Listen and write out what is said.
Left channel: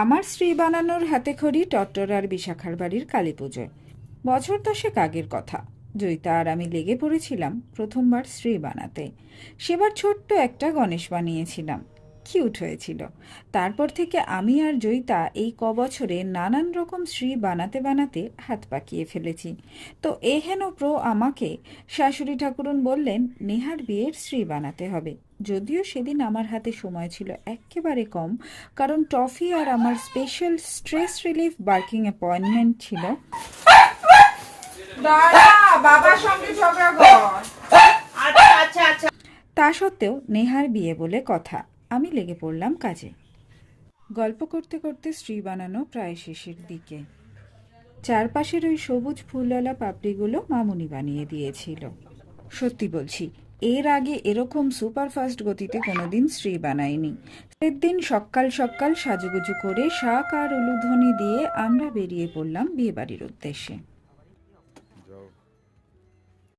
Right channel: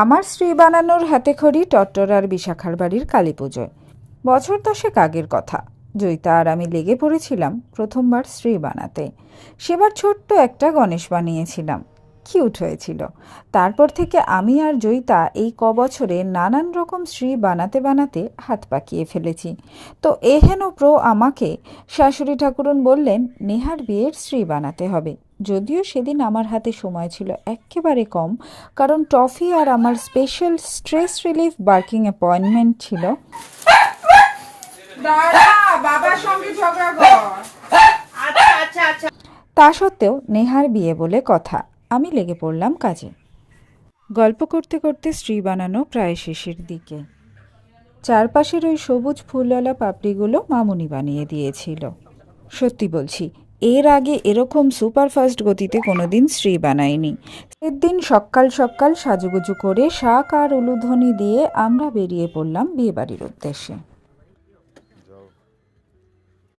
আমার শ্রী বানানোর হাতেখড়ি টট্টরার বিশাখার বাড়ির কালী পুজোয়। বছর 10 আগের কথা। জয়িতা আর আমি লেগে পড়েছিলাম প্রথমবার শ্রী বানাতে। সেবার ছোট্ট একটা গণেশ বানিয়েছিলাম, কিউট হয়েছিল। তারপর থেকে আমি আর জয়িতা এই কবছরে নানান রকম শ্রী বানাতে বানাতে হাত পাকিয়ে ফেলেছি। তো এহেন প্রো আমাকে শাশুড়ি ঠাকুরন বললেন নেহার বিয়ের শ্রী বানাতে হবে। যদিও সেদিন আমার হাতে সময় ছিল একেবারে কম, কারণ টফি আর আমার special stress relief barking appointment ছিল। তা সত্ত্বেও নেহার বিয়ে বলে কথা, আমি লেগে পড়লাম কাজে। গল্প করতে করতে শ্রী বানানো প্রায় শেষের দিকে। চারপাশের ওই সবুজ ফুলওয়ালা পাপড়িগুলো মামুনি বানিয়ে দিয়েছিল। সত্যি বলছি, এর আগে এরকম সুপারফাস্ট গতিতে কোনোদিন শ্রী বানাইনি। এর দিন সকাল সকাল সাজুগুজু করে শাক আর উলুধ্বনি দিয়ে আমরা বেরিয়ে পড়লাম বিয়েবাড়ির উদ্দেশ্যে।